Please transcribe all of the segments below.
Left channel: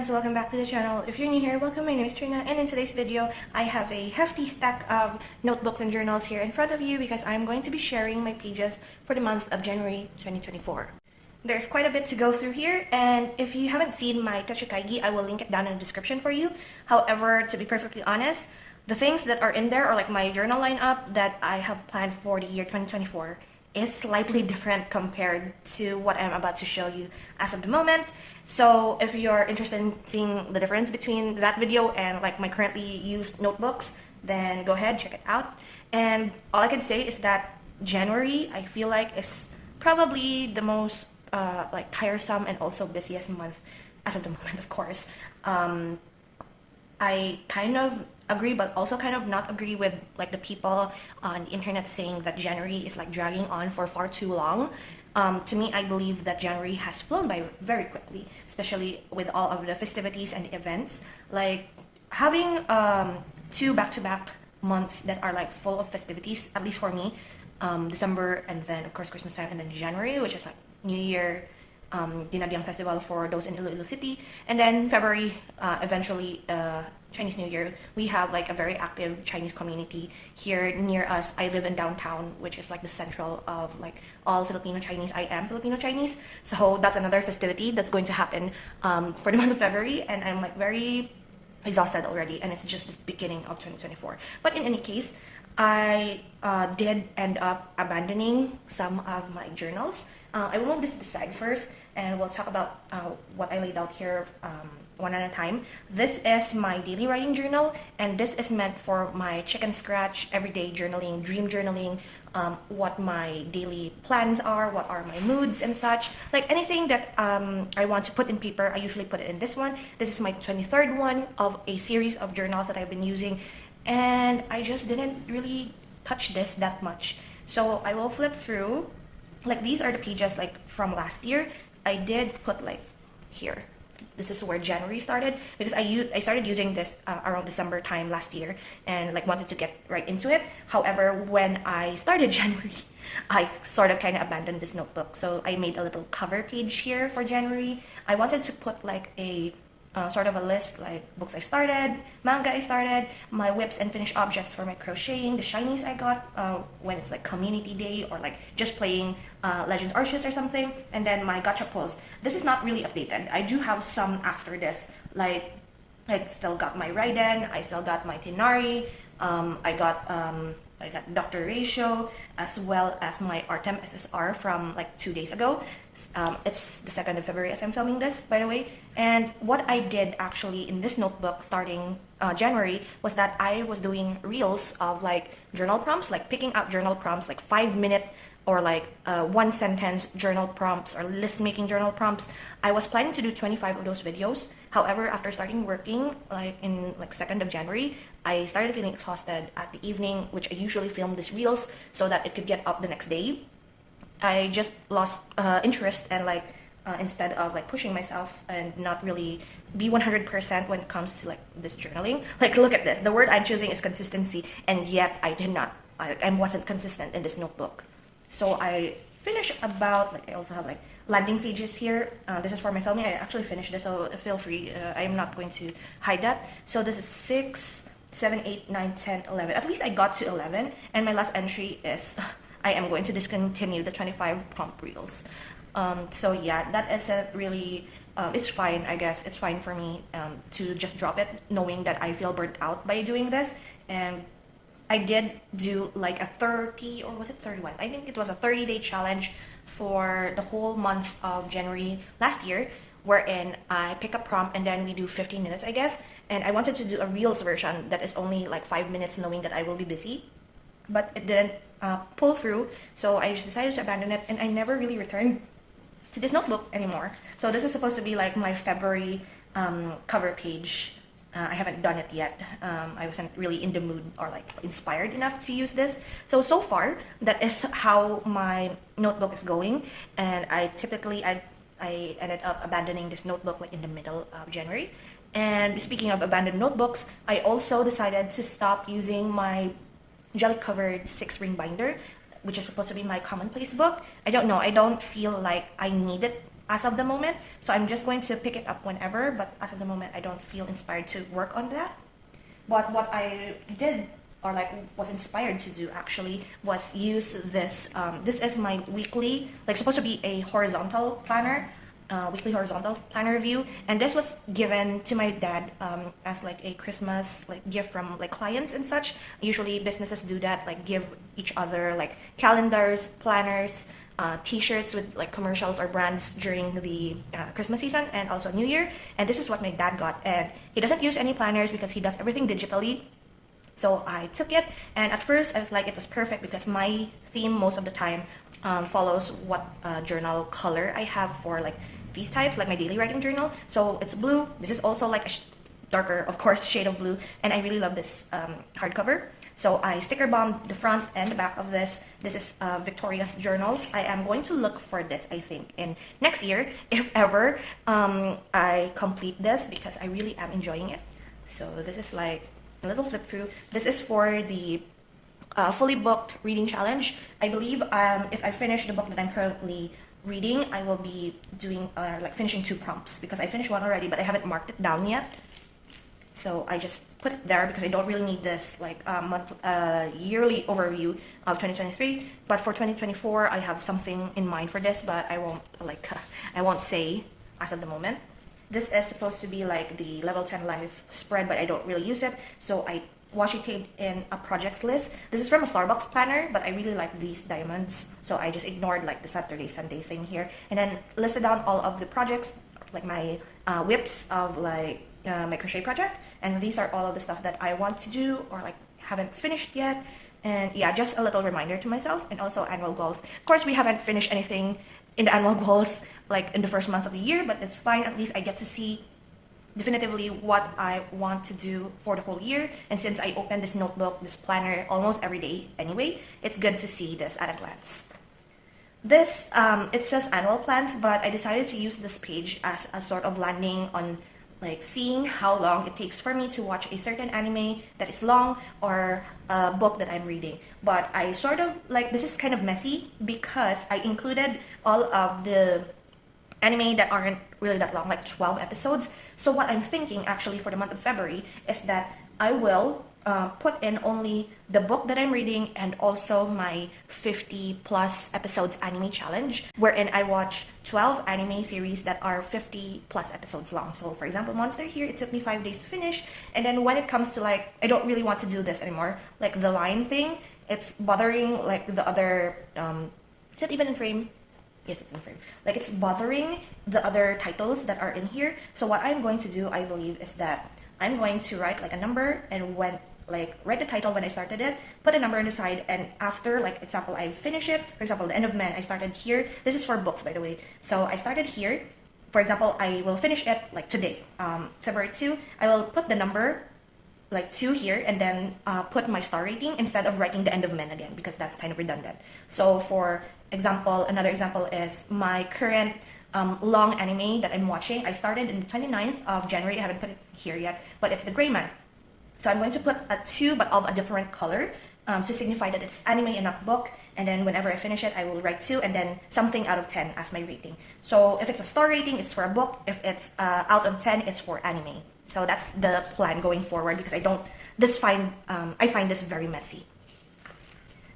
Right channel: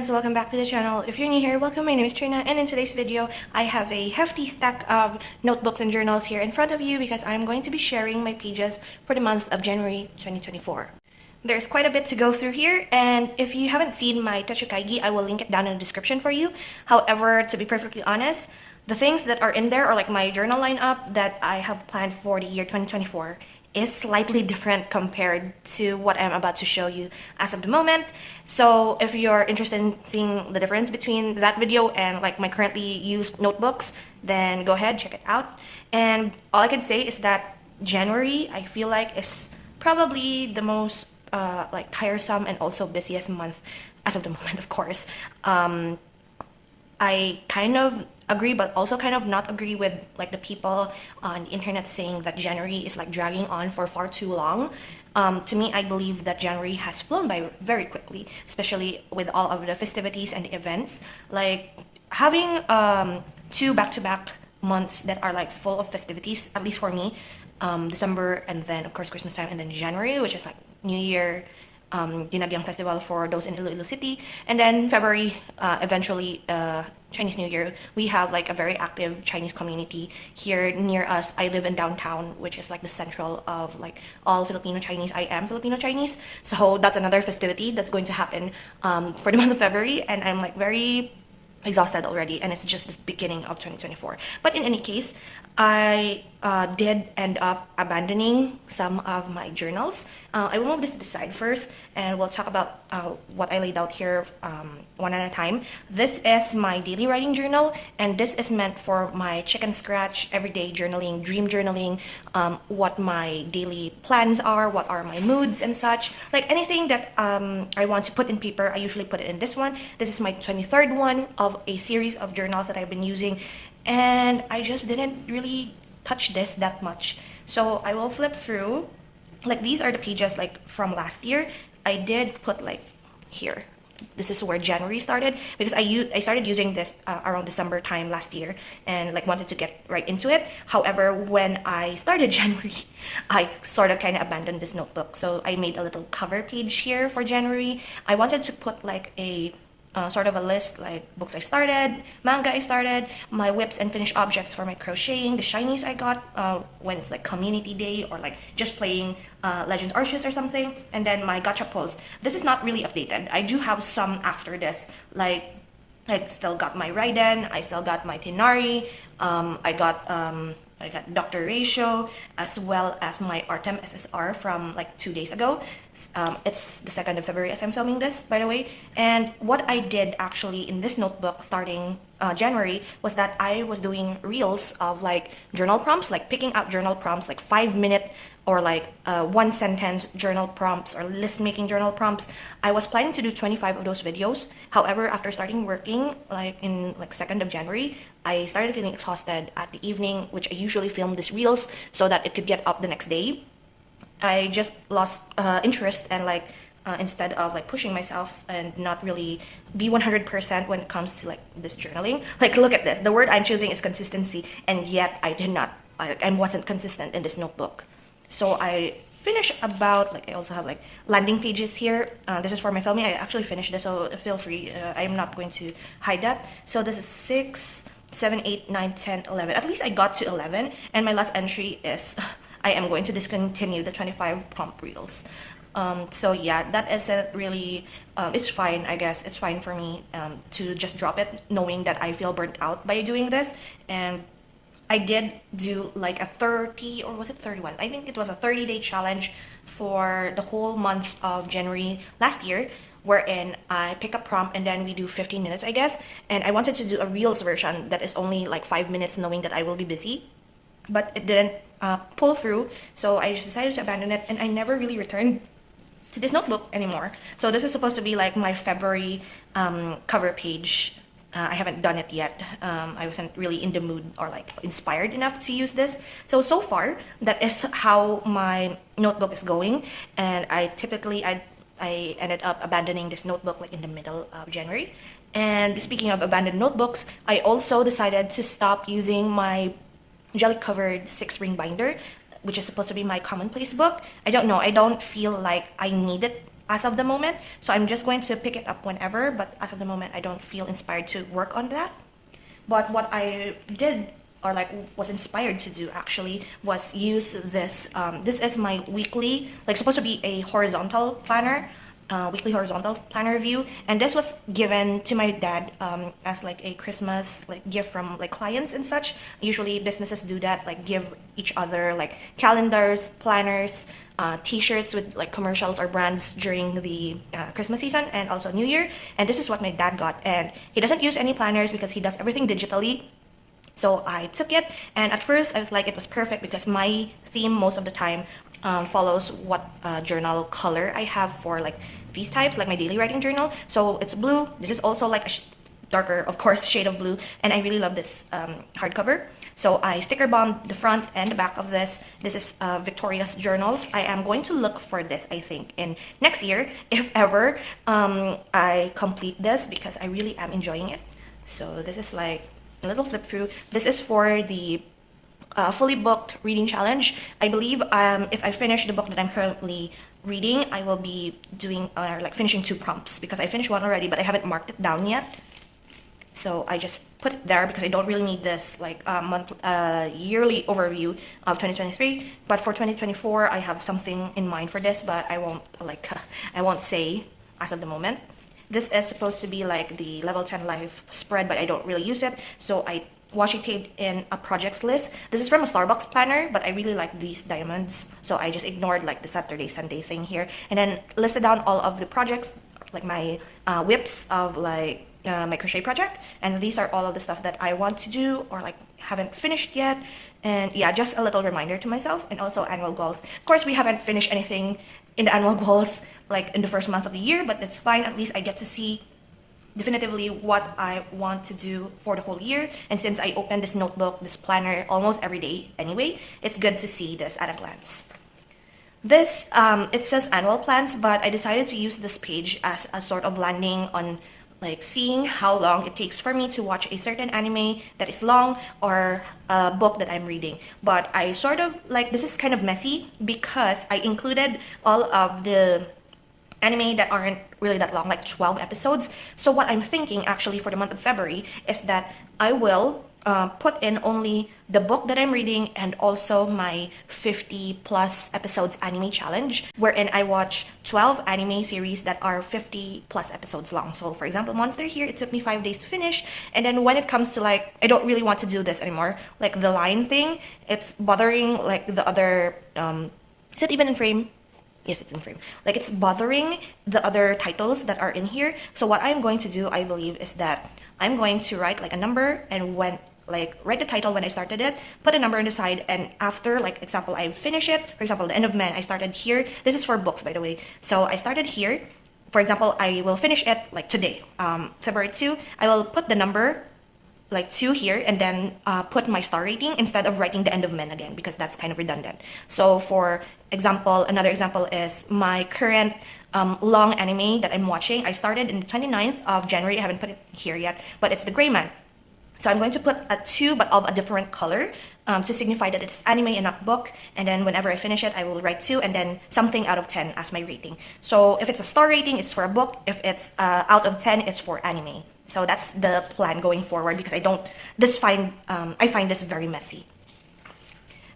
friends, welcome back to the channel. If you're new here, welcome. My name is Trina, and in today's video I have a hefty stack of notebooks and journals here in front of you because I'm going to be sharing my pages for the month of January 2024. There's quite a bit to go through here, and if you haven't seen my Techou Kaigi, I will link it down in the description for you. However, to be perfectly honest, the things that are in there are like my journal lineup that I have planned for the year 2024 is slightly different compared to what I'm about to show you as of the moment. So if you're interested in seeing the difference between that video and like my currently used notebooks, then go ahead, check it out. And all I can say is that January, I feel like, is probably the most like tiresome and also busiest month as of the moment, of course. I kind of agree, but also kind of not agree with like the people on the internet saying that January is like dragging on for far too long. To me, I believe that January has flown by very quickly, especially with all of the festivities and the events. Like having two back-to-back months that are like full of festivities, at least for me, December and then of course Christmas time, and then January, which is like New Year, Dinagyang Festival for those in Iloilo City, and then February, eventually Chinese New Year. We have like a very active Chinese community here near us. I live in downtown, which is like the central of like all Filipino Chinese. I am Filipino Chinese, so that's another festivity that's going to happen for the month of February, and I'm like very exhausted already, and it's just the beginning of 2024. But in any case, I did end up abandoning some of my journals. I will move this to the side first, and we'll talk about what I laid out here one at a time. This is my daily writing journal, and this is meant for my chicken scratch, everyday journaling, dream journaling, what my daily plans are, what are my moods and such. Like anything that I want to put in paper, I usually put it in this one. This is my 23rd one of a series of journals that I've been using, and I just didn't really touch this that much. So I will flip through. Like these are the pages like from last year. I did put like here. This is where January started because I started using this around December time last year and like wanted to get right into it. However, when I started January, I sort of kind of abandoned this notebook. So I made a little cover page here for January. I wanted to put like a sort of a list, like books I started, manga I started, my whips and finished objects for my crocheting, the shinies I got when it's like community day or like just playing Legends Arceus or something, and then my gacha pulls. This is not really updated. I do have some after this, like I still got my Raiden, I still got my Tenari, I got Dr. Ratio, as well as my Artem SSR from like 2 days ago. It's the 2nd of February as I'm filming this, by the way. And what I did actually in this notebook starting January was that I was doing reels of like journal prompts, like picking out journal prompts, like 5-minute or like 1-sentence journal prompts or list making journal prompts. I was planning to do 25 of those videos. However, after starting working like in like 2nd of January, I started feeling exhausted at the evening, which I usually film these reels so that it could get up the next day. I just lost interest, and like instead of like pushing myself and not really be 100% when it comes to like this journaling. Like look at this, the word I'm choosing is consistency, and yet I wasn't consistent in this notebook. So I finished about like, I also have like landing pages here. This is for my filming. I actually finished this, so feel free. I'm not going to hide that. So this is 6, 7, 8, 9, 10, 11. At least I got to 11, and my last entry is I am going to discontinue the 25 prompt reels. So yeah, that isn't really, it's fine, I guess. It's fine for me to just drop it, knowing that I feel burnt out by doing this. And I did do like a 30, or was it 31? I think it was a 30-day challenge for the whole month of January last year, wherein I pick a prompt and then we do 15 minutes, I guess. And I wanted to do a Reels version that is only like 5 minutes, knowing that I will be busy. But it didn't pull through, so I decided to abandon it, and I never really returned to this notebook anymore. So this is supposed to be like my February cover page. I haven't done it yet. I wasn't really in the mood or like inspired enough to use this. So far, that is how my notebook is going, and I ended up abandoning this notebook like in the middle of January. And speaking of abandoned notebooks, I also decided to stop using my jelly-covered 6-ring binder, which is supposed to be my commonplace book. I don't know. I don't feel like I need it as of the moment. So I'm just going to pick it up whenever, but as of the moment, I don't feel inspired to work on that. But what I did, or like was inspired to do actually, was use this. This is my weekly, like supposed to be a horizontal planner, weekly horizontal planner review, and this was given to my dad as like a Christmas like gift from like clients and such. Usually businesses do that, like give each other like calendars, planners, t-shirts with like commercials or brands during the Christmas season and also New Year. And this is what my dad got, and he doesn't use any planners because he does everything digitally. So I took it, and at first I was like, it was perfect because my theme most of the time follows what journal color I have for like these types, like my daily writing journal. So it's blue. This is also like a darker, of course, shade of blue, and I really love this hardcover. So I sticker bombed the front and the back of this. This is Victoria's journals. I am going to look for this, I think, in next year, if ever I complete this, because I really am enjoying it. So this is like a little flip through. This is for the fully booked reading challenge. I believe if I finish the book that I'm currently reading, I will be doing like finishing 2 prompts, because I finished one already, but I haven't marked it down yet. So I just put it there because I don't really need this like yearly overview of 2023. But for 2024, I have something in mind for this, but I won't say as of the moment. This is supposed to be like the level 10 life spread, but I don't really use it. So I washi taped in a projects list. This is from a Starbucks planner, but I really like these diamonds. So I just ignored like the Saturday, Sunday thing here. And then listed down all of the projects, like my whips of like my crochet project. And these are all of the stuff that I want to do or like haven't finished yet. And yeah, just a little reminder to myself, and also annual goals. Of course, we haven't finished anything in the annual goals like in the first month of the year, but it's fine. At least I get to see definitively what I want to do for the whole year. And since I open this notebook, this planner almost every day anyway, it's good to see this at a glance. This, it says annual plans, but I decided to use this page as a sort of landing on like seeing how long it takes for me to watch a certain anime that is long, or a book that I'm reading. But I sort of like, this is kind of messy because I included all of the anime that aren't really that long, like 12 episodes. So what I'm thinking actually for the month of February is that I will put in only the book that I'm reading and also my 50 plus episodes anime challenge, wherein I watch 12 anime series that are 50 plus episodes long. So for example, Monster here, it took me 5 days to finish. And then when it comes to like, I don't really want to do this anymore, like the line thing, it's bothering like the other, is it even in frame? Yes, it's in frame. Like it's bothering the other titles that are in here. So what I'm going to do, I believe, is that I'm going to write like a number, and when like write the title when I started it, put a number on the side, and after like example I finish it, for example the end of Men, I started here. This is for books, by the way. So I started here. For example, I will finish it like today, February 2. I will put the number like 2 here, and then put my star rating instead of writing the end of Men again, because that's kind of redundant. So for example, another example is my current long anime that I'm watching. I started in the 29th of January. I haven't put it here yet, but it's The Gray Man. So I'm going to put a 2 but of a different color to signify that it's anime and not book. And then whenever I finish it, I will write 2 and then something out of 10 as my rating. So if it's a star rating, it's for a book. If it's out of 10, it's for anime. So that's the plan going forward, because I find this very messy.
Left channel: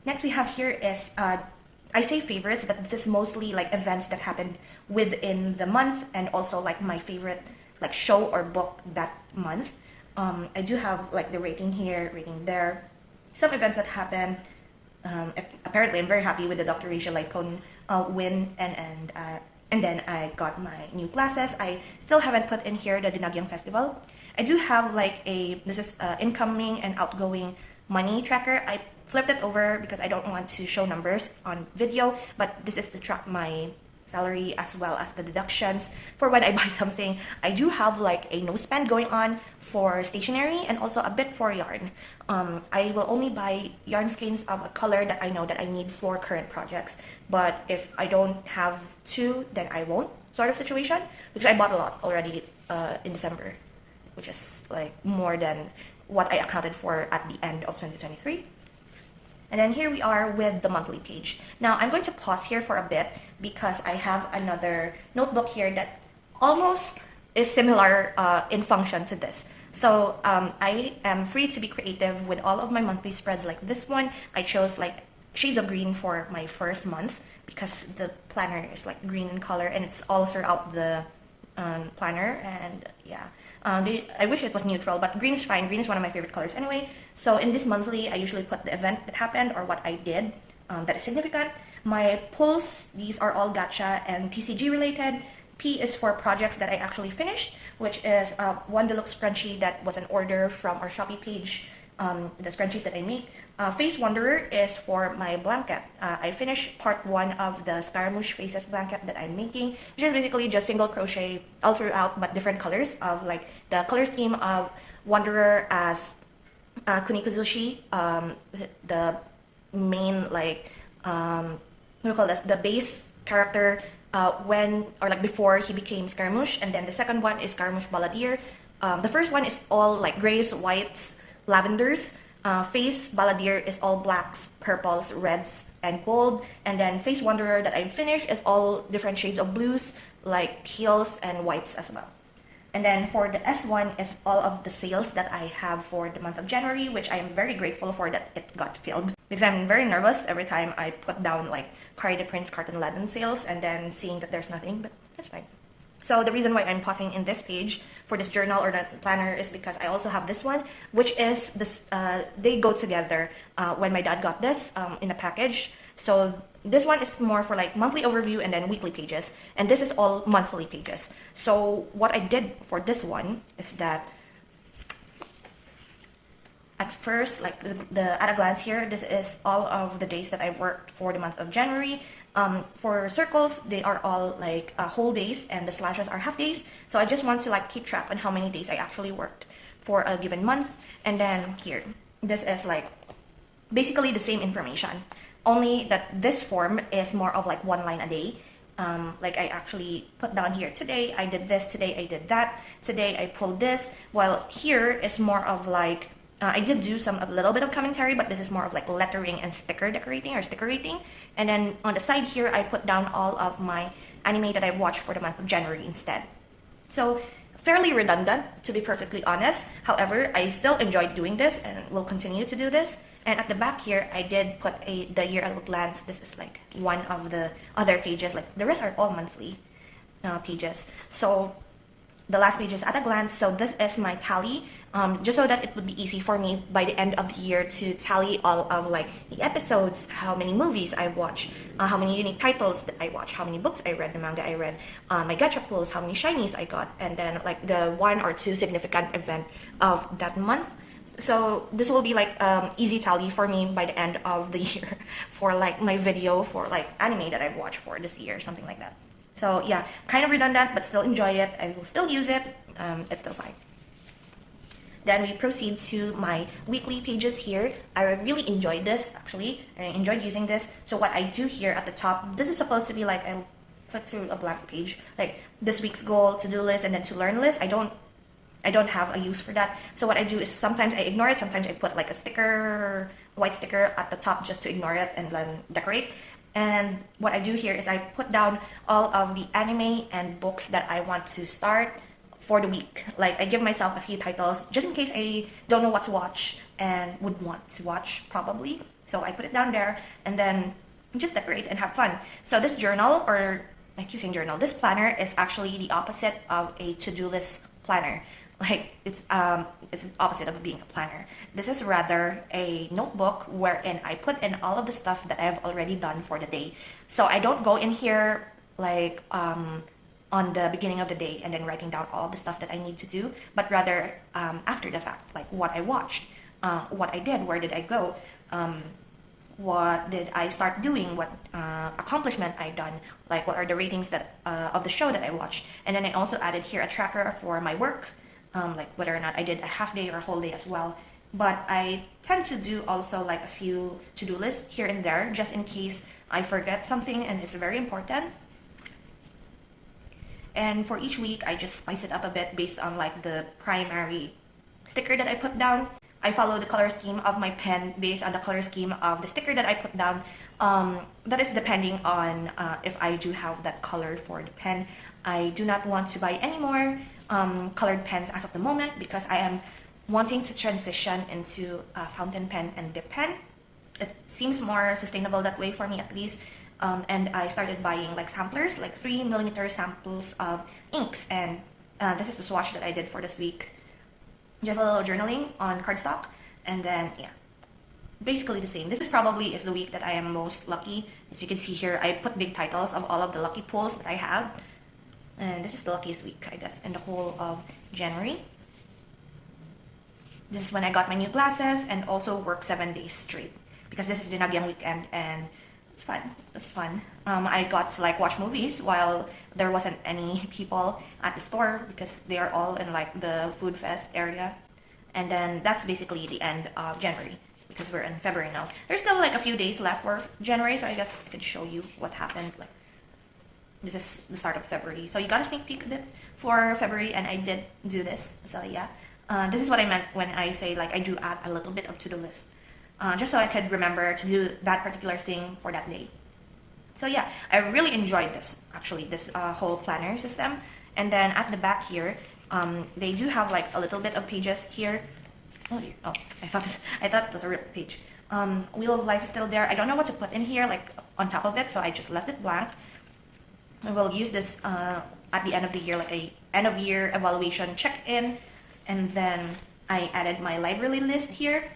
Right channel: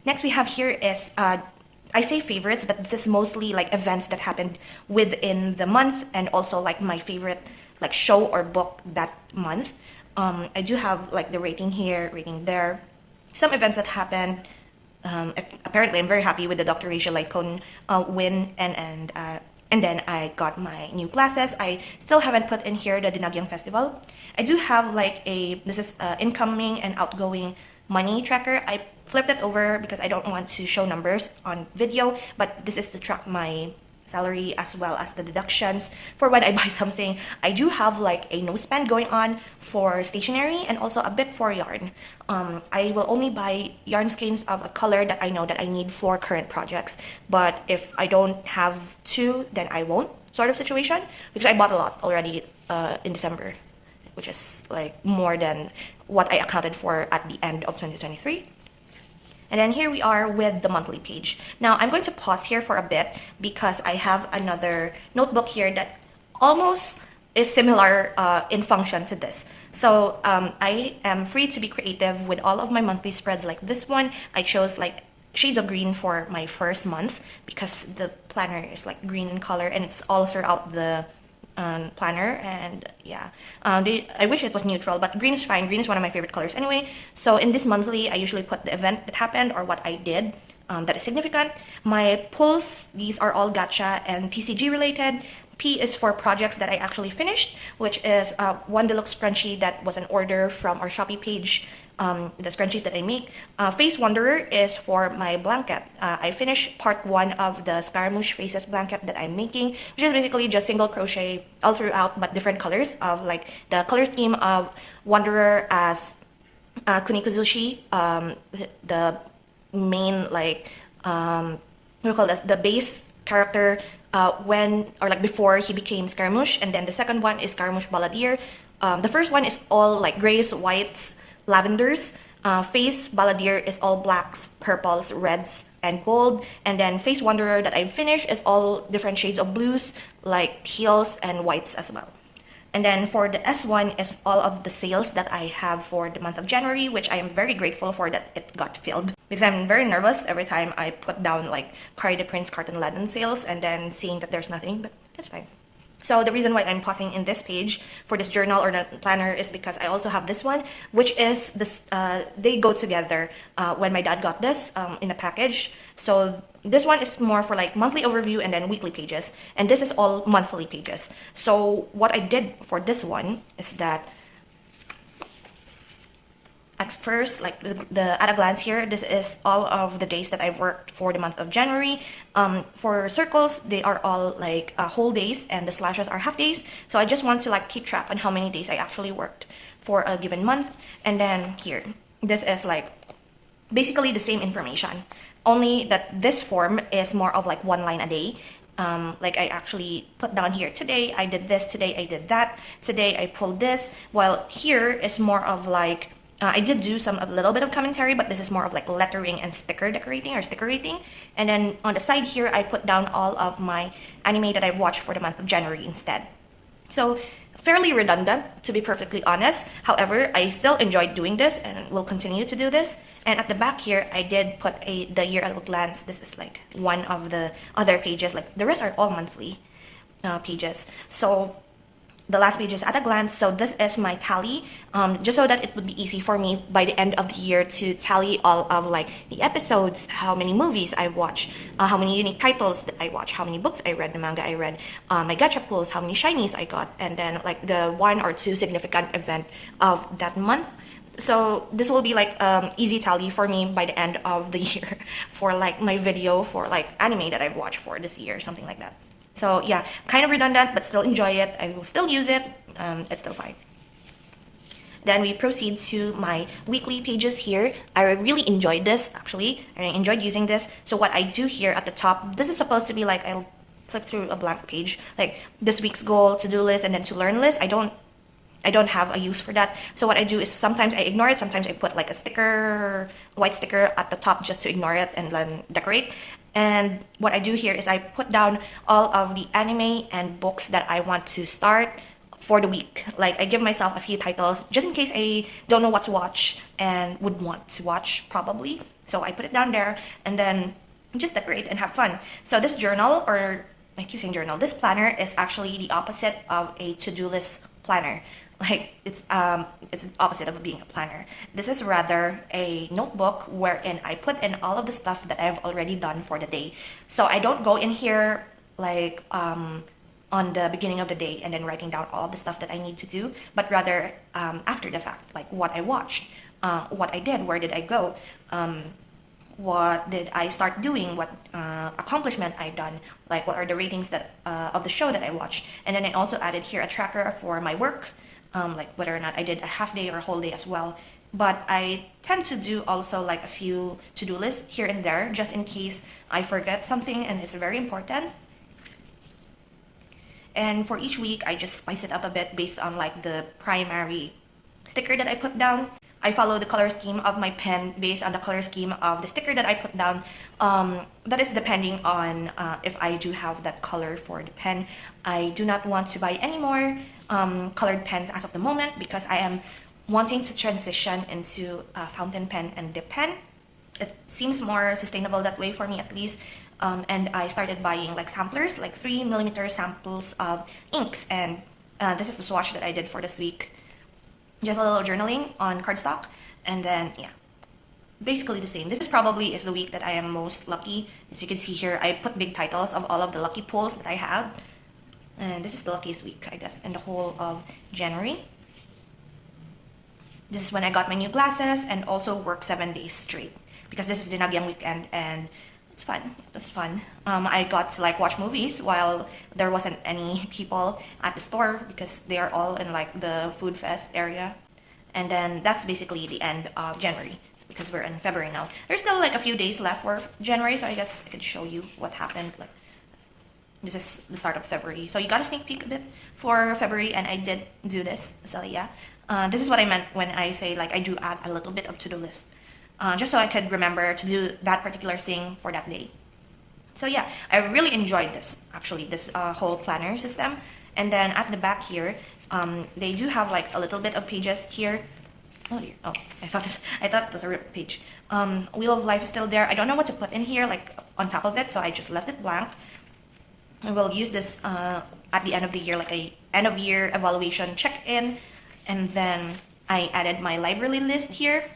Next we have here is, I say favorites, but this is mostly like events that happened within the month, and also like my favorite like show or book that month. I do have like the rating here, rating there. Some events that happened. Apparently, I'm very happy with the Dr. Rachel Lycone win, and then I got my new glasses. I still haven't put in here the Dinagyang Festival. I do have like this is incoming and outgoing money tracker. I flipped it over because I don't want to show numbers on video, but this is to track my salary as well as the deductions for when I buy something. I do have like a no spend going on for stationery and also a bit for yarn. I will only buy yarn skeins of a color that I know that I need for current projects, but if I don't have to, then I won't, sort of situation, because I bought a lot already in December, which is like more than what I accounted for at the end of 2023. And then here we are with the monthly page. Now I'm going to pause here for a bit because I have another notebook here that almost is similar in function to this. So I am free to be creative with all of my monthly spreads like this one. I chose like shades of green for my first month because the planner is like green in color and it's all throughout the planner. And yeah, I wish it was neutral, but green is fine. Green is one of my favorite colors anyway. So in this monthly, I usually put the event that happened or what I did that is significant. My pulls, these are all gacha and TCG related. P is for projects that I actually finished, which is one deluxe scrunchie that was an order from our Shopee page, the scrunchies that I make. Face Wanderer is for my blanket. I finished part 1 of the Scaramouche Faces blanket that I'm making, which is basically just single crochet all throughout, but different colors of like the color scheme of Wanderer as Kunikuzushi, the main like, what do you call this, the base character when or like before he became Scaramouche, and then the second one is Scaramouche Balladeer. The first one is all like grays, whites, lavenders. Face Balladeer is all blacks, purples, reds, and gold. And then Face Wanderer that I finished is all different shades of blues, like teals and whites as well. And then for the S1 is all of the sales that I have for the month of January, which I am very grateful for that it got filled. Because I'm very nervous every time I put down like KREIDEPRINZ KARTENLADEN sales and then seeing that there's nothing, but that's fine. So the reason why I'm pausing in this page for this journal or the planner is because I also have this one, which is this, they go together when my dad got this in a package. So this one is more for like monthly overview and then weekly pages, and this is all monthly pages. So what I did for this one is that at first, like the at a glance here, this is all of the days that I worked for the month of January. For circles, they are all like whole days, and the slashes are half days. So I just want to like keep track on how many days I actually worked for a given month. And then here, this is like basically the same information, only that this form is more of like 1 line a day. Like I actually put down here, today I did this, today I did that, today I pulled this, while here is more of like, I did do a little bit of commentary, but this is more of like lettering and sticker decorating or sticker rating. And then on the side here, I put down all of my anime that I watched for the month of January instead. So fairly redundant, to be perfectly honest. However, I still enjoyed doing this and will continue to do this. And at the back here, I did put the year at a glance. This is like one of the other pages. Like the rest are all monthly pages. So the last page is at a glance. So this is my tally, just so that it would be easy for me by the end of the year to tally all of like the episodes, how many movies I watched, how many unique titles that I watched, how many books I read, the manga I read, my gacha pulls, how many shinies I got, and then like the 1 or 2 significant event of that month. So this will be like easy tally for me by the end of the year for like my video for like anime that I've watched for this year, something like that. So yeah, kind of redundant, but still enjoy it. I will still use it. It's still fine. Then we proceed to my weekly pages here. I really enjoyed this actually. I enjoyed using this. So what I do here at the top, this is supposed to be like, I'll flip through a blank page, like this week's goal, to-do list, and then to learn list. I don't have a use for that. So what I do is sometimes I ignore it. Sometimes I put like a sticker, white sticker at the top just to ignore it and then decorate. And what I do here is I put down all of the anime and books that I want to start for the week. Like I give myself a few titles just in case I don't know what to watch and would want to watch probably. So I put it down there and then just decorate and have fun. So this journal, or I keep saying journal, this planner is actually the opposite of a to-do list planner. Like it's the opposite of being a planner. This is rather a notebook wherein I put in all of the stuff that I've already done for the day. So I don't go in here like on the beginning of the day and then writing down all of the stuff that I need to do, but rather after the fact, like what I watched, what I did, where did I go, what did I start doing, what accomplishment I done, like what are the ratings that of the show that I watched. And then I also added here a tracker for my work, like whether or not I did a half day or a whole day as well. But I tend to do also like a few to-do lists here and there just in case I forget something and it's very important. And for each week, I just spice it up a bit based on like the primary sticker that I put down. I follow the color scheme of my pen based on the color scheme of the sticker that I put down. That is depending on if I do have that color for the pen. I do not want to buy any more colored pens as of the moment because I am wanting to transition into a fountain pen and dip pen. It seems more sustainable that way for me at least. And I started buying like samplers, like 3mm samples of inks, and this is the swatch that I did for this week. Just a little journaling on cardstock, and then yeah, basically the same. This is probably the week that I am most lucky. As you can see here, I put big titles of all of the lucky pulls that I have, and this is the luckiest week, I guess, in the whole of January. This is when I got my new glasses and also worked 7 days straight because this is the Nagyang weekend and it's fun. It's fun. I got to like watch movies while there wasn't any people at the store because they are all in like the food fest area. And then that's basically the end of January because we're in February now. There's still like a few days left for January, so I guess I could show you what happened. Like, this is the start of February. So you got a sneak peek a bit for February, and I did do this. So yeah, this is what I meant when I say like I do add a little bit up to the list. Just so I could remember to do that particular thing for that day. So yeah, I really enjoyed this, actually, this whole planner system. And then at the back here, they do have like a little bit of pages here. Oh, I thought it was a ripped page. Wheel of Life is still there. I don't know what to put in here, like on top of it, so I just left it blank. I will use this at the end of the year, like a end of year evaluation check-in. And then I added my library list here.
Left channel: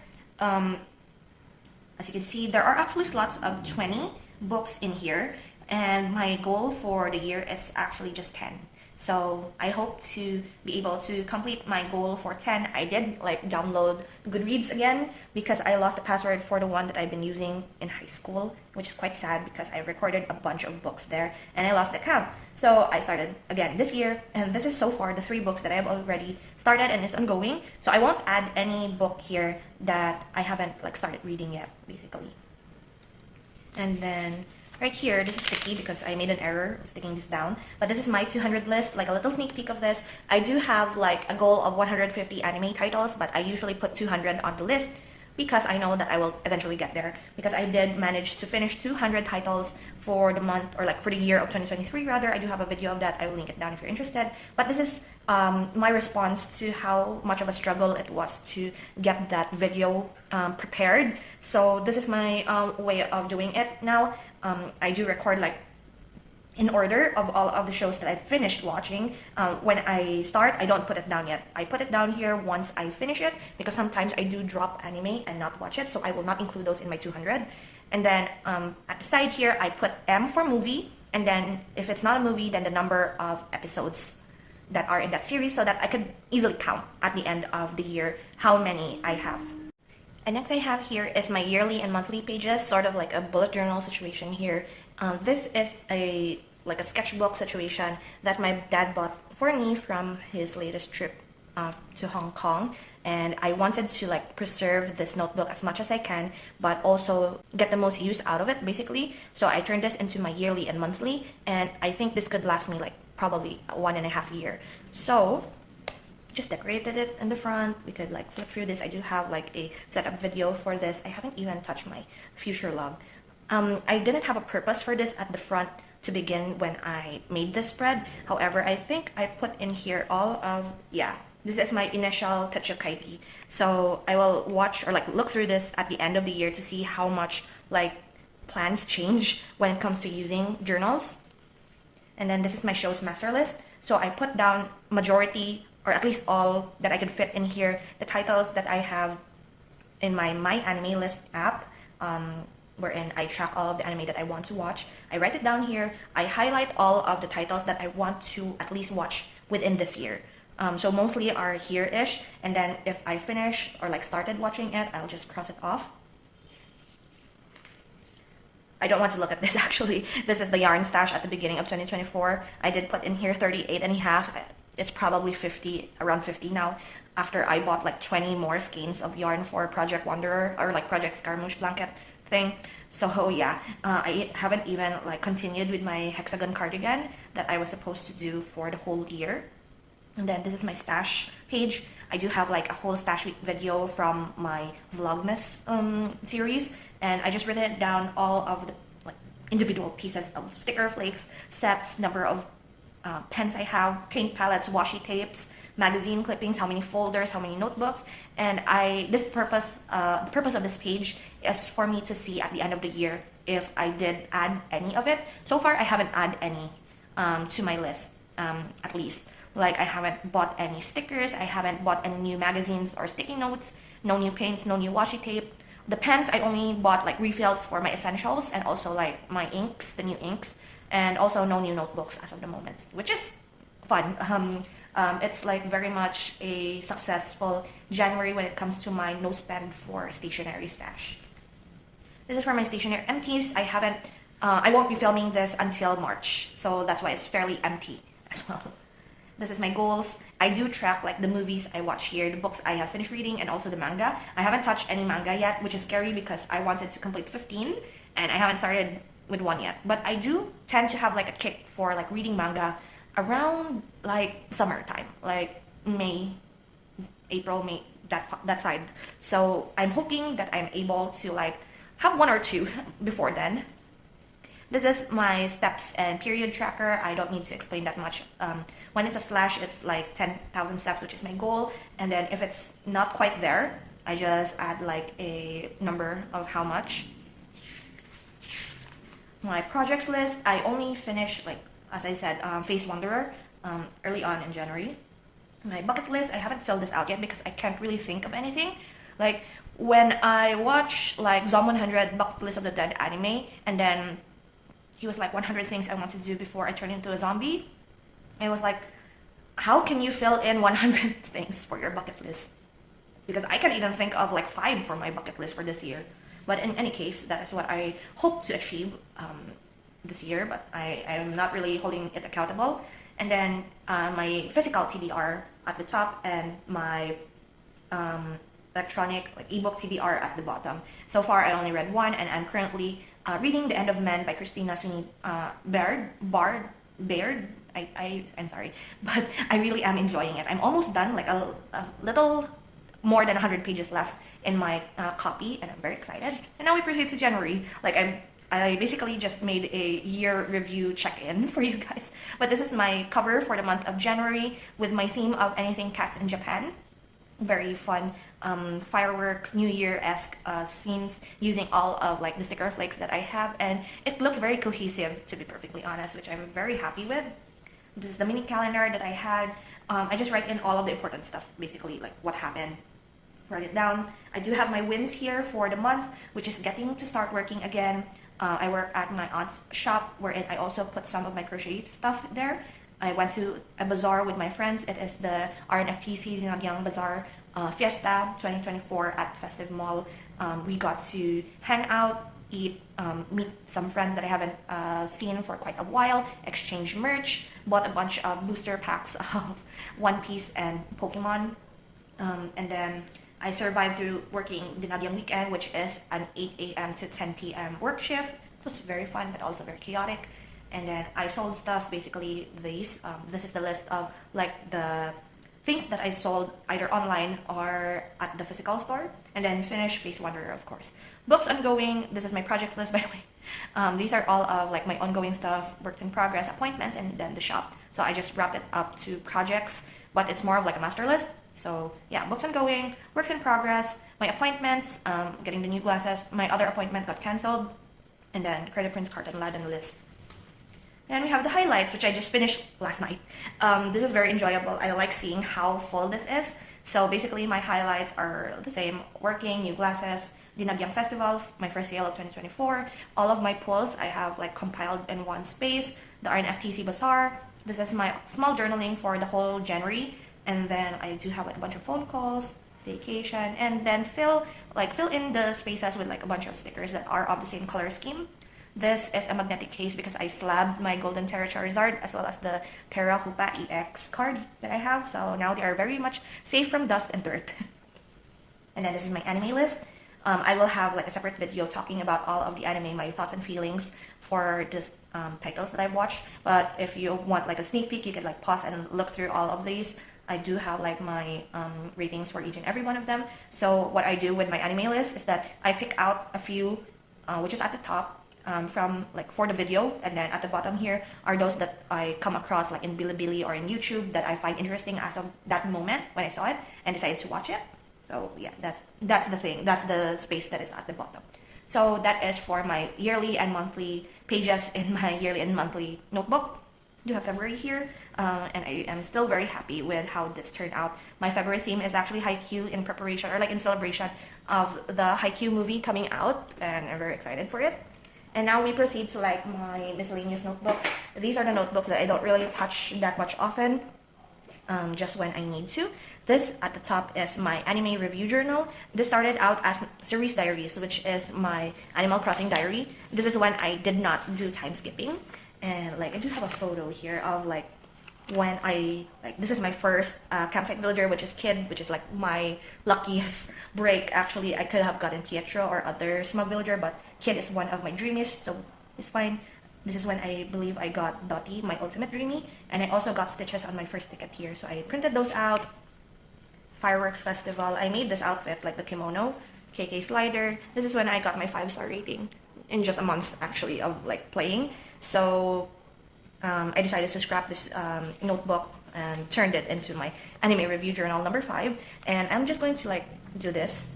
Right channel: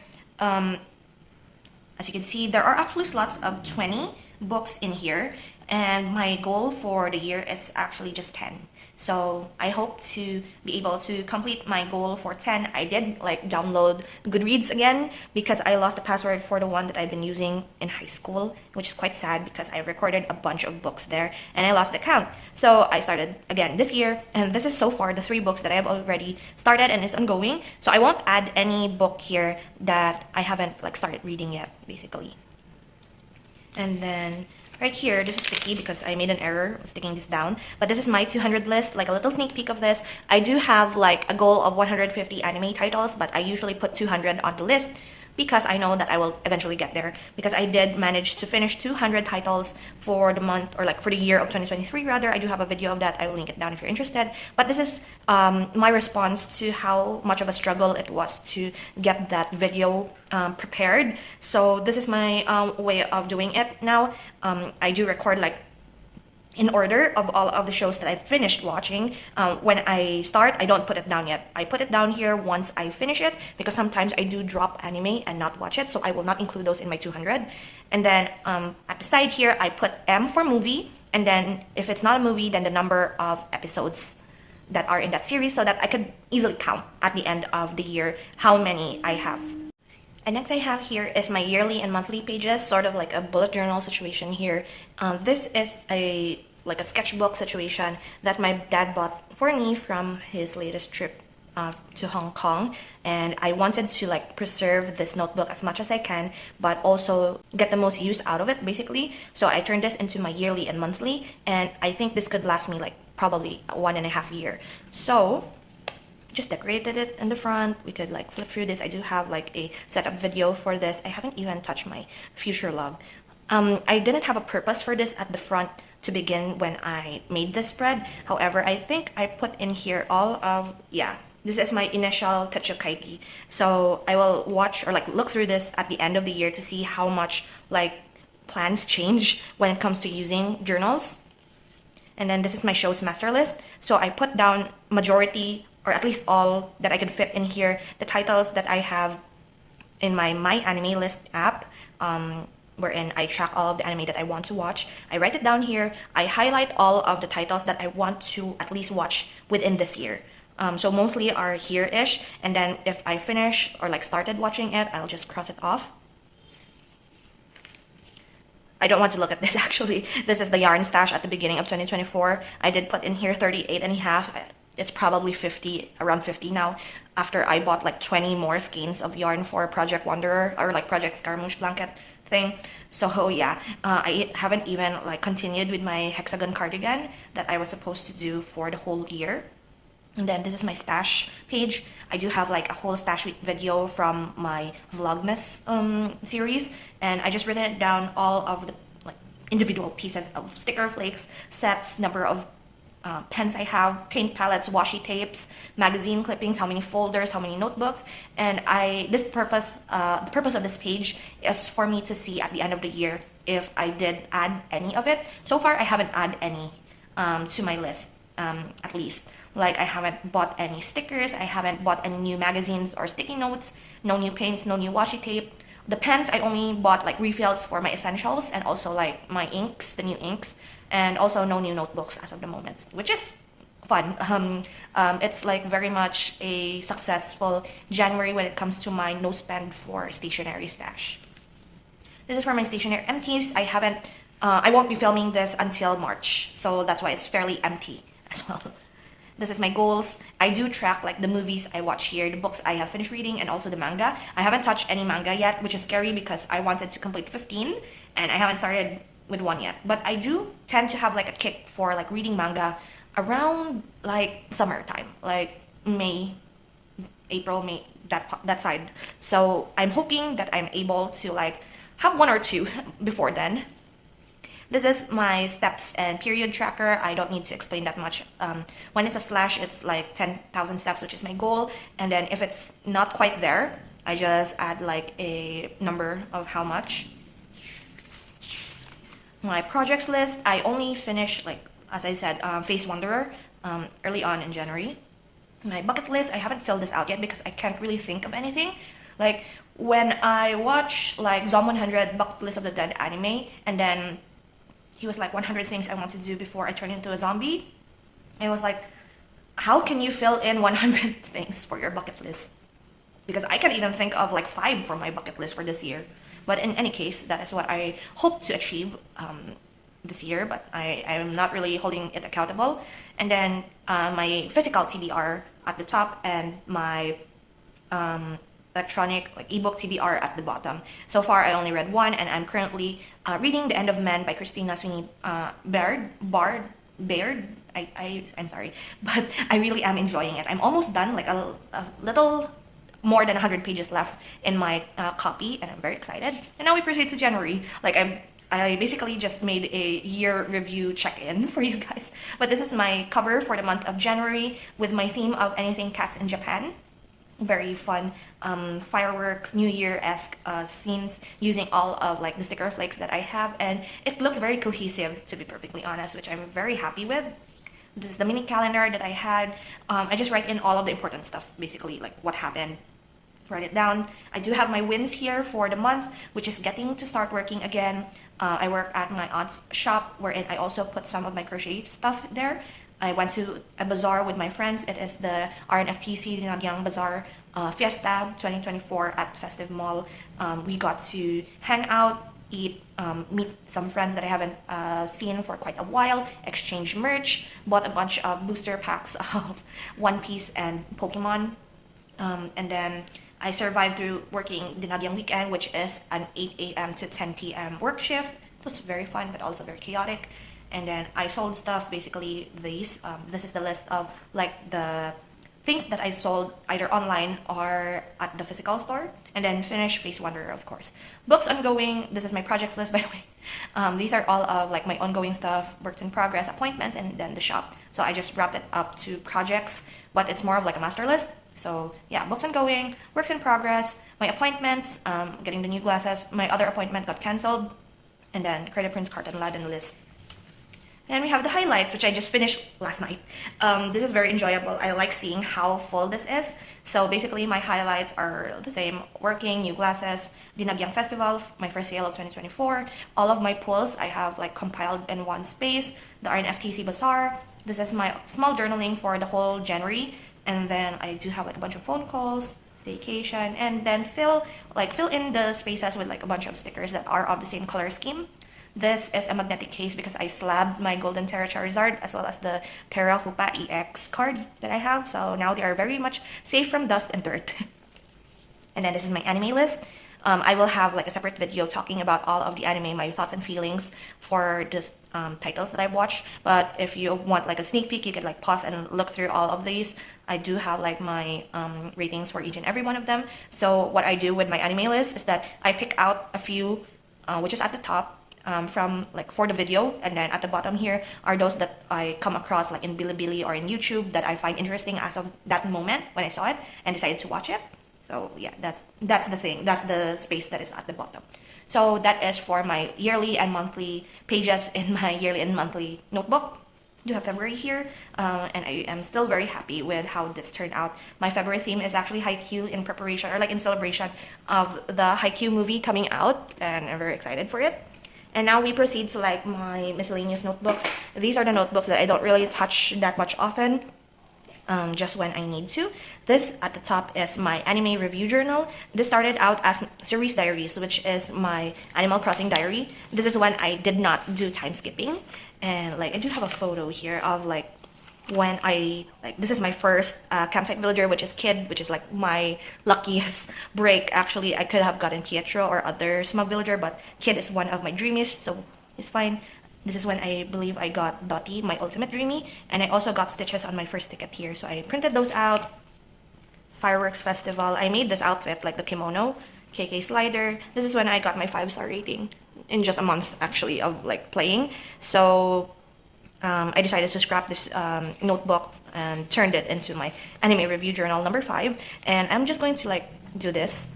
As you can see, there are actually slots of 20 books in here, and my goal for the year is actually just 10. So I hope to be able to complete my goal for 10. I did like download Goodreads again because I lost the password for the one that I've been using in high school, which is quite sad because I recorded a bunch of books there and I lost the count. So I started again this year, and this is so far the 3 books that I have already started and is ongoing. So I won't add any book here that I haven't like started reading yet, basically. And then right here, this is sticky because I made an error sticking this down. But this is my 200 list, like a little sneak peek of this. I do have like a goal of 150 anime titles, but I usually put 200 on the list because I know that I will eventually get there. Because I did manage to finish 200 titles for the month, or like for the year of 2023 rather. I do have a video of that. I will link it down if you're interested. But this is my response to how much of a struggle it was to get that video prepared. So this is my way of doing it now. I do record like in order of all of the shows that I finished watching. When I start, I don't put it down yet. I put it down here once I finish it because sometimes I do drop anime and not watch it, so I will not include those in my 200. And then at the side here, I put M for movie, and then if it's not a movie, then the number of episodes that are in that series so that I could easily count at the end of the year how many I have. And next I have here is my yearly and monthly pages, sort of like a bullet journal situation here. This is a sketchbook situation that my dad bought for me from his latest trip to Hong Kong, and I wanted to like preserve this notebook as much as I can, but also get the most use out of it basically. So I turned this into my yearly and monthly, and I think this could last me like probably 1.5 years. So just decorated it in the front. We could like flip through this. I do have like a setup video for this. I haven't even touched my future log. I didn't have a purpose for this at the front to begin when I made this spread. However, I think I put in here all of, this is my initial Techou Kaigi. So I will watch or like look through this at the end of the year to see how much like plans change when it comes to using journals. And then this is my show semester list. So I put down majority, or at least all that I could fit in here, the titles that I have in my Anime List app, wherein I track all of the anime that I want to watch. I write it down here. I highlight all of the titles that I want to at least watch within this year. So mostly are here-ish, and then if I finish or like started watching it, I'll just cross it off. I don't want to look at this actually. This is the yarn stash at the beginning of 2024. I did put in here 38.5. It's probably 50, around 50 now, after I bought like 20 more skeins of yarn for Project Wanderer, or like Project Scaramouche blanket thing. So yeah, I haven't even like continued with my hexagon cardigan that I was supposed to do for the whole year. And then this is my stash page. I do have like a whole stash video from my Vlogmas series, and I just written it down, all of the like individual pieces of sticker flakes, sets, number of pens I have, paint palettes, washi tapes, magazine clippings, how many folders, how many notebooks. And the purpose of this page is for me to see at the end of the year if I did add any of it. So far, I haven't added any to my list, at least. Like, I haven't bought any stickers, I haven't bought any new magazines or sticky notes, no new paints, no new washi tape. The pens, I only bought like refills for my essentials and also like my inks, the new inks, and also no new notebooks as of the moment, which is fun. It's like very much a successful January when it comes to my no spend for stationery stash. This is for my stationery empties. I won't be filming this until March, so that's why it's fairly empty as well. This is my goals. I do track like the movies I watch here, the books I have finished reading, and also the manga. I haven't touched any manga yet, which is scary because I wanted to complete 15 and I haven't started with one yet. But I do tend to have like a kick for like reading manga around like summertime, like May, April, May, that side. So I'm hoping that I'm able to like have one or two before then. This is my steps and period tracker. I don't need to explain that much. When it's a slash, it's like 10,000 steps, which is my goal. And then if it's not quite there, I just add like a number of how much. My projects list, I only finished, like, as I said, Face Wanderer early on in January. My bucket list, I haven't filled this out yet because I can't really think of anything. Like, when I watch like Zom 100 Bucket List of the Dead anime, and then he was like 100 things I want to do before I turn into a zombie. I was like, how can you fill in 100 things for your bucket list? Because I can't even think of like 5 for my bucket list for this year. But in any case, that is what I hope to achieve this year, but I am not really holding it accountable. And then my physical TBR at the top and my electronic like ebook TBR at the bottom. So far, I only read one, and I'm currently reading The End of Men by Christina Sweeney Baird. I'm sorry, but I really am enjoying it. I'm almost done, like a little more than 100 pages left in my copy, and I'm very excited. And now we proceed to January. Like I basically just made a year review check-in for you guys. But this is my cover for the month of January with my theme of anything cats in Japan. Very fun fireworks, New Year-esque scenes using all of like the sticker flakes that I have, and it looks very cohesive, to be perfectly honest, which I'm very happy with. This is the mini calendar that I had. I just write in all of the important stuff, basically like what happened. Write it down. I do have my wins here for the month, which is getting to start working again. I work at my aunt's shop, wherein I also put some of my crochet stuff there. I went to a bazaar with my friends. It is the RNFTC Dinagyang Bazaar Fiesta 2024 at Festive Mall. We got to hang out, eat, meet some friends that I haven't seen for quite a while, exchange merch, bought a bunch of booster packs of One Piece and Pokemon, and then I survived through working Dinagyang weekend, which is an 8 a.m. to 10 p.m. work shift. It was very fun, but also very chaotic. And then I sold stuff, basically these. This is the list of like the things that I sold either online or at the physical store. And then finish Face Wanderer, of course. Books ongoing. This is my projects list, by the way. These are all of like my ongoing stuff, works in progress, appointments, and then the shop. So I just wrap it up to projects, but it's more of like a master list. So yeah, books ongoing, works in progress, my appointments, getting the new glasses. My other appointment got cancelled. And then KREIDEPRINZ KARTENLADEN list. And we have the highlights, which I just finished last night. This is very enjoyable. I like seeing how full this is. So basically, my highlights are the same. Working, new glasses, Dinagyang Festival, my first sale of 2024. All of my pulls I have like compiled in one space. The RNFTC Bazaar. This is my small journaling for the whole January. And then I do have like a bunch of phone calls, staycation, and then fill in the spaces with like a bunch of stickers that are of the same color scheme. This is a magnetic case because I slabbed my Golden Terra Charizard as well as the Terra Hoopa EX card that I have. So now they are very much safe from dust and dirt. And then this is my anime list. I will have like a separate video talking about all of the anime, my thoughts and feelings for this titles that I've watched. But if you want like a sneak peek, you can like pause and look through all of these. I do have like my ratings for each and every one of them. So what I do with my anime list is that I pick out a few, which is at the top, from like for the video, and then at the bottom here are those that I come across like in Bilibili or in YouTube that I find interesting as of that moment when I saw it and decided to watch it. So yeah, that's the thing. That's the space that is at the bottom. So that is for my yearly and monthly pages in my yearly and monthly notebook. You have February here, and I am still very happy with how this turned out. My February theme is actually Haikyuu in preparation, or like in celebration of the Haikyuu movie coming out, and I'm very excited for it. And now we proceed to like my miscellaneous notebooks. These are the notebooks that I don't really touch that much often, just when I need to. This at the top is my anime review journal. This started out as Series Diaries, which is my Animal Crossing diary. This is when I did not do time skipping. And like I do have a photo here of like when I, like, this is my first campsite villager, which is Kid, which is like my luckiest break. Actually, I could have gotten Pietro or other small villager, but Kid is one of my dreamiest, so it's fine. This is when I believe I got Dottie, my ultimate dreamy, and I also got Stitches on my first ticket here, so I printed those out. Fireworks Festival, I made this outfit, like the kimono, KK slider. This is when I got my 5-star rating in just a month, actually, of like playing. So I decided to scrap this notebook and turned it into my anime review journal number 5. And I'm just going to like do this.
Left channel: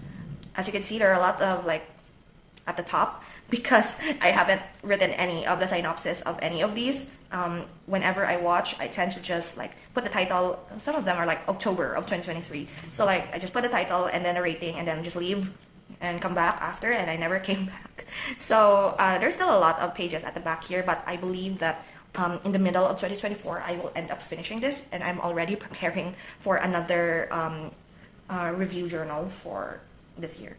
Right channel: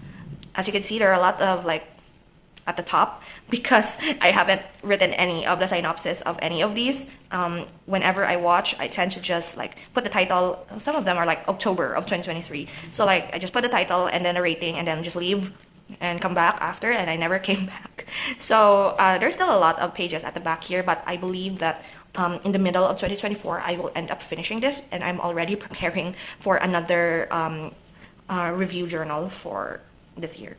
As you can see, there are a lot of like at the top because I haven't written any of the synopsis of any of these. Whenever I watch, I tend to just like put the title. Some of them are like October of 2023. So like I just put the title and then a rating and then just leave and come back after, and I never came back. So there's still a lot of pages at the back here, but I believe that in the middle of 2024, I will end up finishing this, and I'm already preparing for another review journal for this year.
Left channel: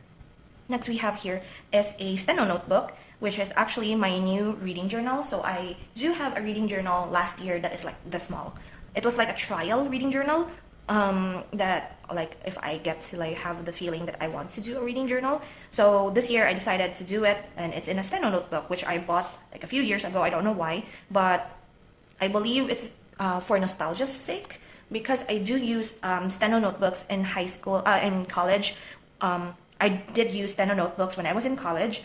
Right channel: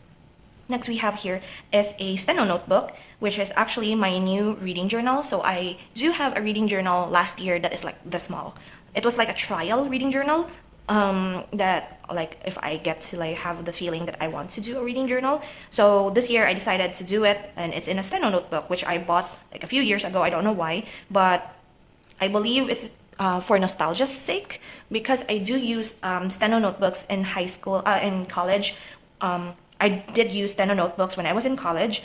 Next we have here is a steno notebook, which is actually my new reading journal. So I do have a reading journal last year that is like this small. It was like a trial reading journal that like if I get to like have the feeling that I want to do a reading journal. So this year I decided to do it, and it's in a steno notebook, which I bought like a few years ago. I don't know why, but I believe it's for nostalgia's sake, because I do use steno notebooks in high school, in college. I did use steno notebooks when I was in college,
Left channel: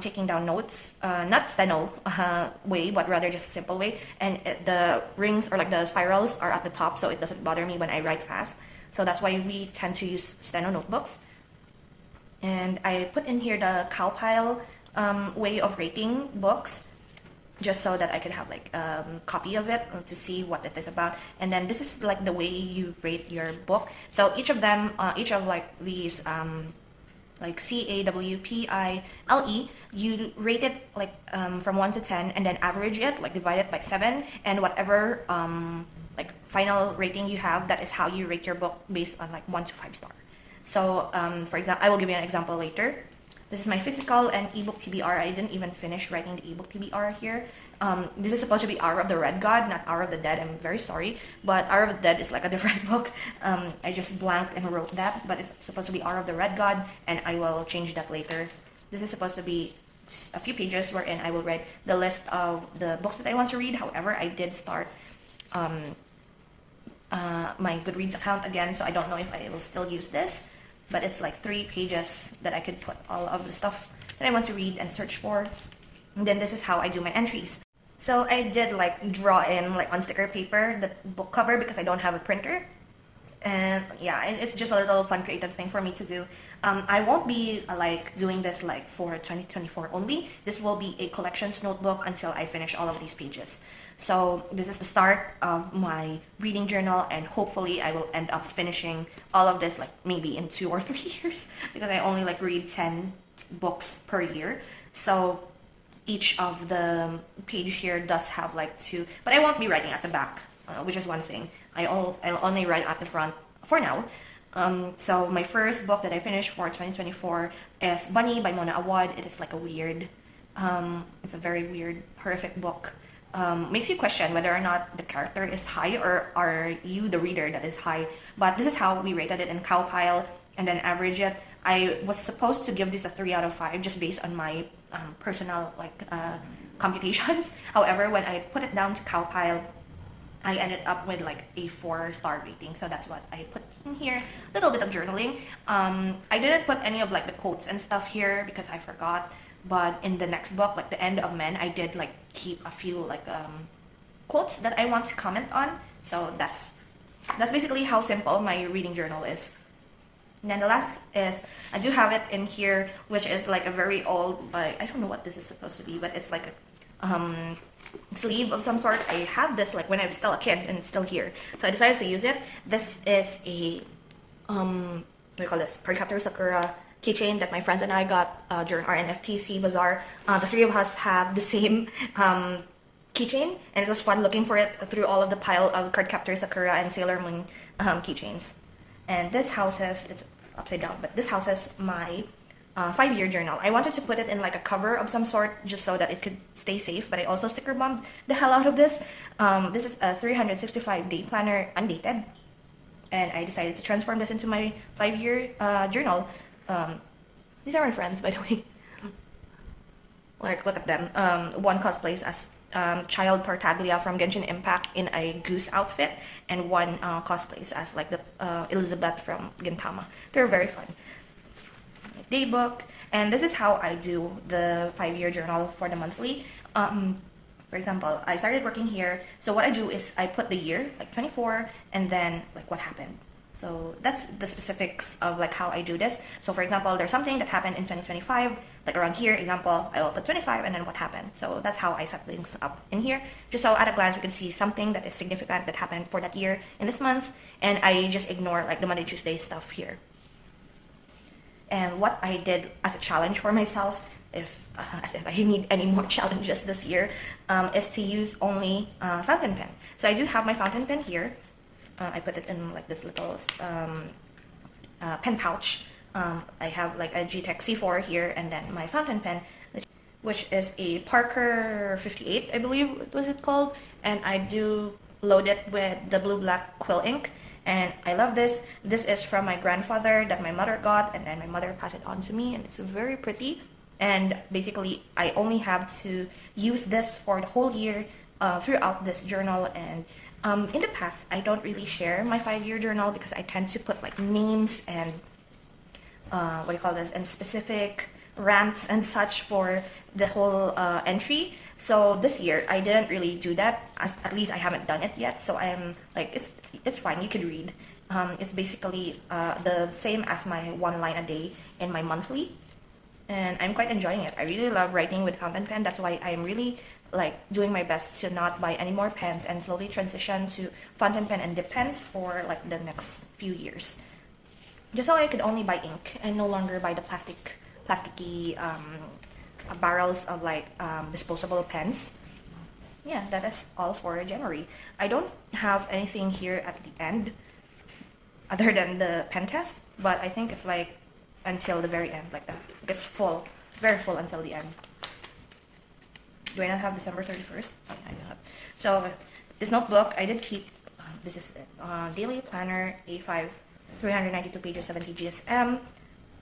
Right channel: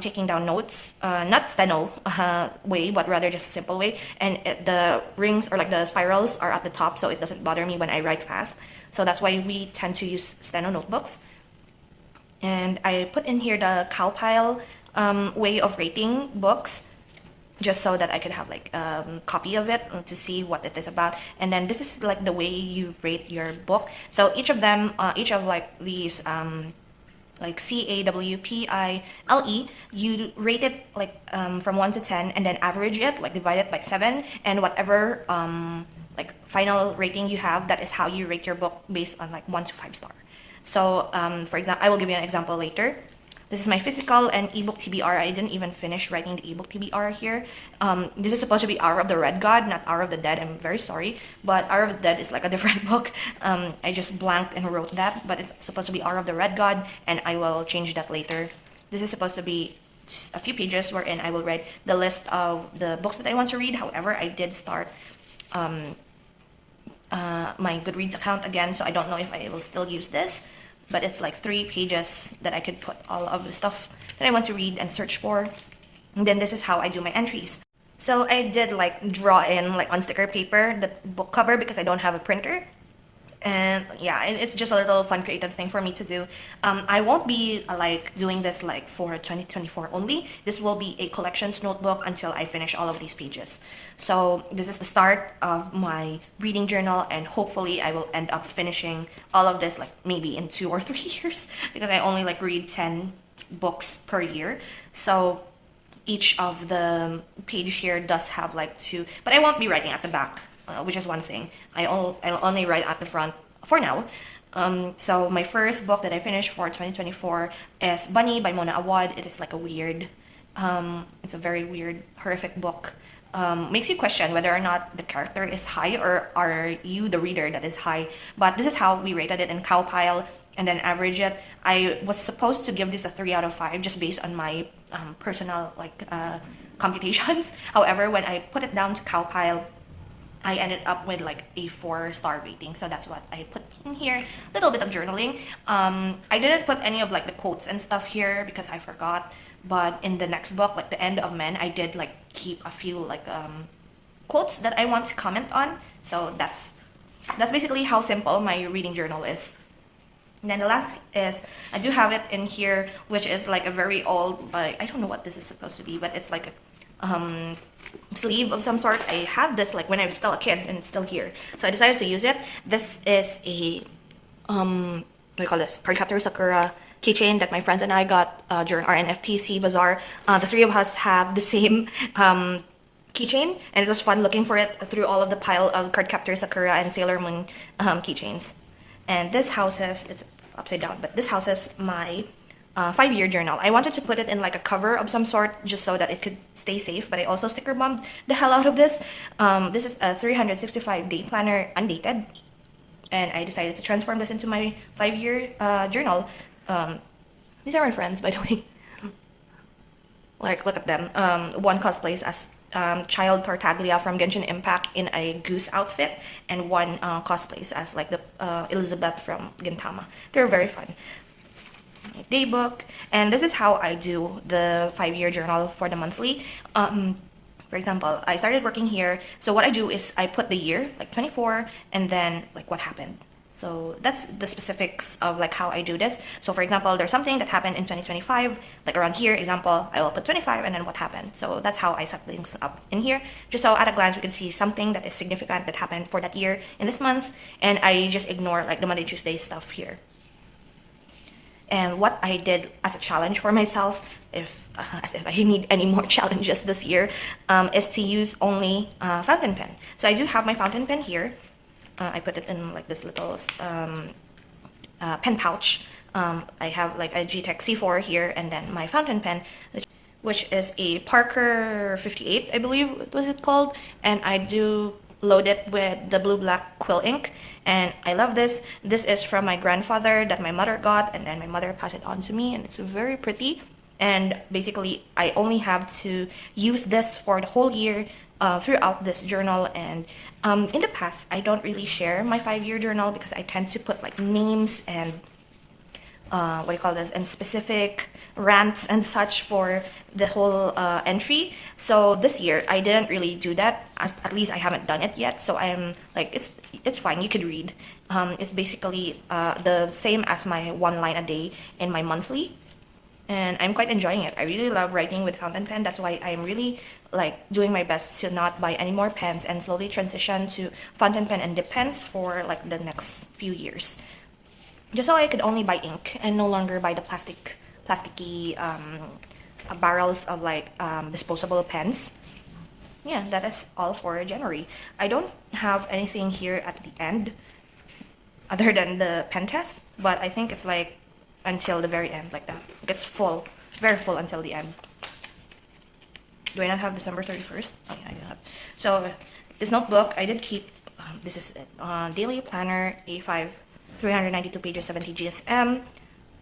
taking down notes, not steno way, but rather just a simple way. And the rings or like the spirals are at the top, so it doesn't bother me when I write fast. So that's why we tend to use steno notebooks. And I put in here the cowpile way of rating books, just so that I could have like a copy of it to see what it is about. And then this is like the way you rate your book. So each of them, each of like these like CAWPILE, you rate it like from 1 to 10 and then average it, like divide it by 7, and whatever like final rating you have, that is how you rate your book based on like 1 to 5 star. So for example, I will give you an example later. This is my physical and ebook TBR. I didn't even finish writing the ebook TBR here. This is supposed to be Hour of the Red God, not Hour of the Dead. I'm very sorry, but Hour of the Dead is like a different book. I just blanked and wrote that, but it's supposed to be Hour of the Red God, and I will change that later. This is supposed to be a few pages wherein I will write the list of the books that I want to read. However, I did start my Goodreads account again, so I don't know if I will still use this. But it's like 3 pages that I could put all of the stuff that I want to read and search for. And then this is how I do my entries. So I did like draw in like on sticker paper the book cover because I don't have a printer. And yeah, it's just a little fun creative thing for me to do. I won't be like doing this like for 2024 only. This will be a collections notebook until I finish all of these pages. So this is the start of my reading journal, and hopefully I will end up finishing all of this like maybe in 2 or 3 years, because I only like read 10 books per year. So each of the page here does have like 2, but I won't be writing at the back, which is one thing. I'll only write at the front for now. So my first book that I finished for 2024 is Bunny by Mona Awad. It is like a weird, it's a very weird, horrific book. Makes you question whether or not the character is high, or are you the reader that is high. But this is how we rated it in Cowpile and then average it. I was supposed to give this a 3 out of 5 just based on my personal like computations. However, when I put it down to Cowpile, I ended up with like a 4-star rating, so that's what I put in here. A little bit of journaling. I didn't put any of like the quotes and stuff here because I forgot. But in the next book, like The End of Men, I did like keep a few like quotes that I want to comment on. So that's basically how simple my reading journal is. And then the last is, I do have it in here, which is like a very old, I don't know what this is supposed to be, but it's like a sleeve of some sort. I had this like when I was still a kid, and it's still here. So I decided to use it. This is a, what do you call this? Cardcaptor Sakura keychain that my friends and I got during our NFTC bazaar. The three of us have the same keychain, and it was fun looking for it through all of the pile of Cardcaptor Sakura and Sailor Moon keychains. And this houses, it's upside down, but this houses my 5-year journal. I wanted to put it in like a cover of some sort just so that it could stay safe, but I also sticker bombed the hell out of this. This is a 365-day planner, undated, and I decided to transform this into my 5-year journal. These are my friends, by the way. Like, look at them. One cosplays as Child Tartaglia from Genshin Impact in a goose outfit, and one cosplays as like the Elizabeth from Gintama. They're very fun. My daybook, and this is how I do the 5-year journal for the monthly. For example, I started working here, so what I do is I put the year, like 24, and then like what happened. So that's the specifics of like how I do this. So for example, there's something that happened in 2025, like around here, example, I will put 25 and then what happened. So that's how I set things up in here. Just so at a glance, we can see something that is significant that happened for that year in this month. And I just ignore like the Monday, Tuesday stuff here. And what I did as a challenge for myself, as if I need any more challenges this year, is to use only fountain pen. So I do have my fountain pen here. I put it in like this little pen pouch. I have like a G-Tech C4 here, and then my fountain pen, which is a Parker 58, I believe was it called. And I do load it with the blue-black quill ink, and I love this. This is from my grandfather that my mother got, and then my mother passed it on to me, and it's very pretty. And basically, I only have to use this for the whole year throughout this journal. And in the past, I don't really share my 5-year journal because I tend to put like names and what do you call this, and specific rants and such for the whole entry. So this year I didn't really do that. At least I haven't done it yet. So I'm like, it's fine. You could read. It's basically the same as my 1 line a day in my monthly, and I'm quite enjoying it. I really love writing with fountain pen. That's why I'm really like doing my best to not buy any more pens and slowly transition to fountain pen and dip pens for like the next few years, just so I could only buy ink and no longer buy the plasticky barrels of like disposable pens. Yeah, that is all for January. I don't have anything here at the end other than the pen test, but I think it's like until the very end, like that. It gets full, very full until the end. Do I not have December 31st? I do not. So this notebook, I did keep, this is it, Daily Planner A5, 392 pages, 70 GSM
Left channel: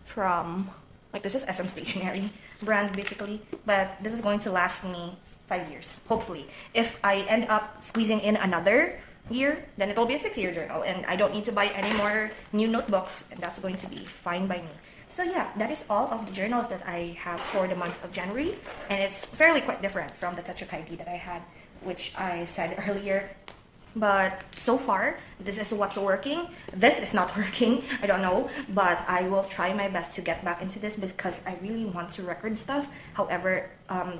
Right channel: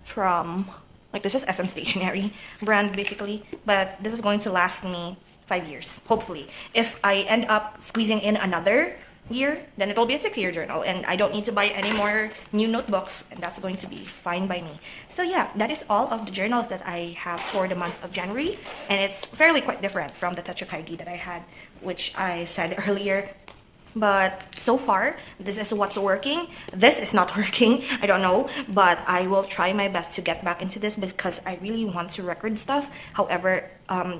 from, like this is SM Stationery brand basically, but this is going to last me 5 years, hopefully. If I end up squeezing in another year, then it'll be a 6-year journal, and I don't need to buy any more new notebooks, and that's going to be fine by me. So yeah, that is all of the journals that I have for the month of January, and it's fairly quite different from the Techou Kaigi that I had, which I said earlier. But so far, this is what's working. This is not working, I don't know, but I will try my best to get back into this because I really want to record stuff. However,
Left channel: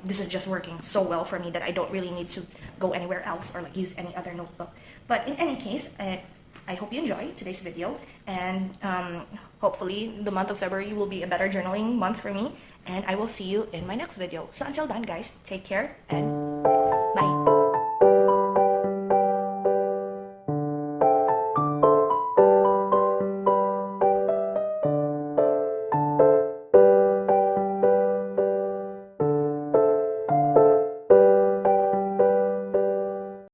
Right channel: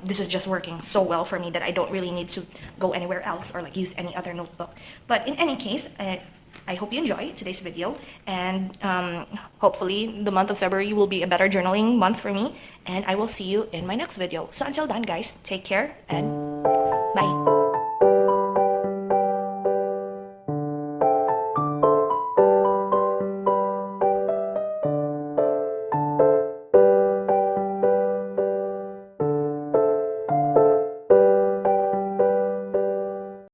this is just working so well for me that I don't really need to go anywhere else or like use any other notebook. But in any case, I hope you enjoy today's video, and hopefully the month of February will be a better journaling month for me, and I will see you in my next video. So until then guys, take care and bye.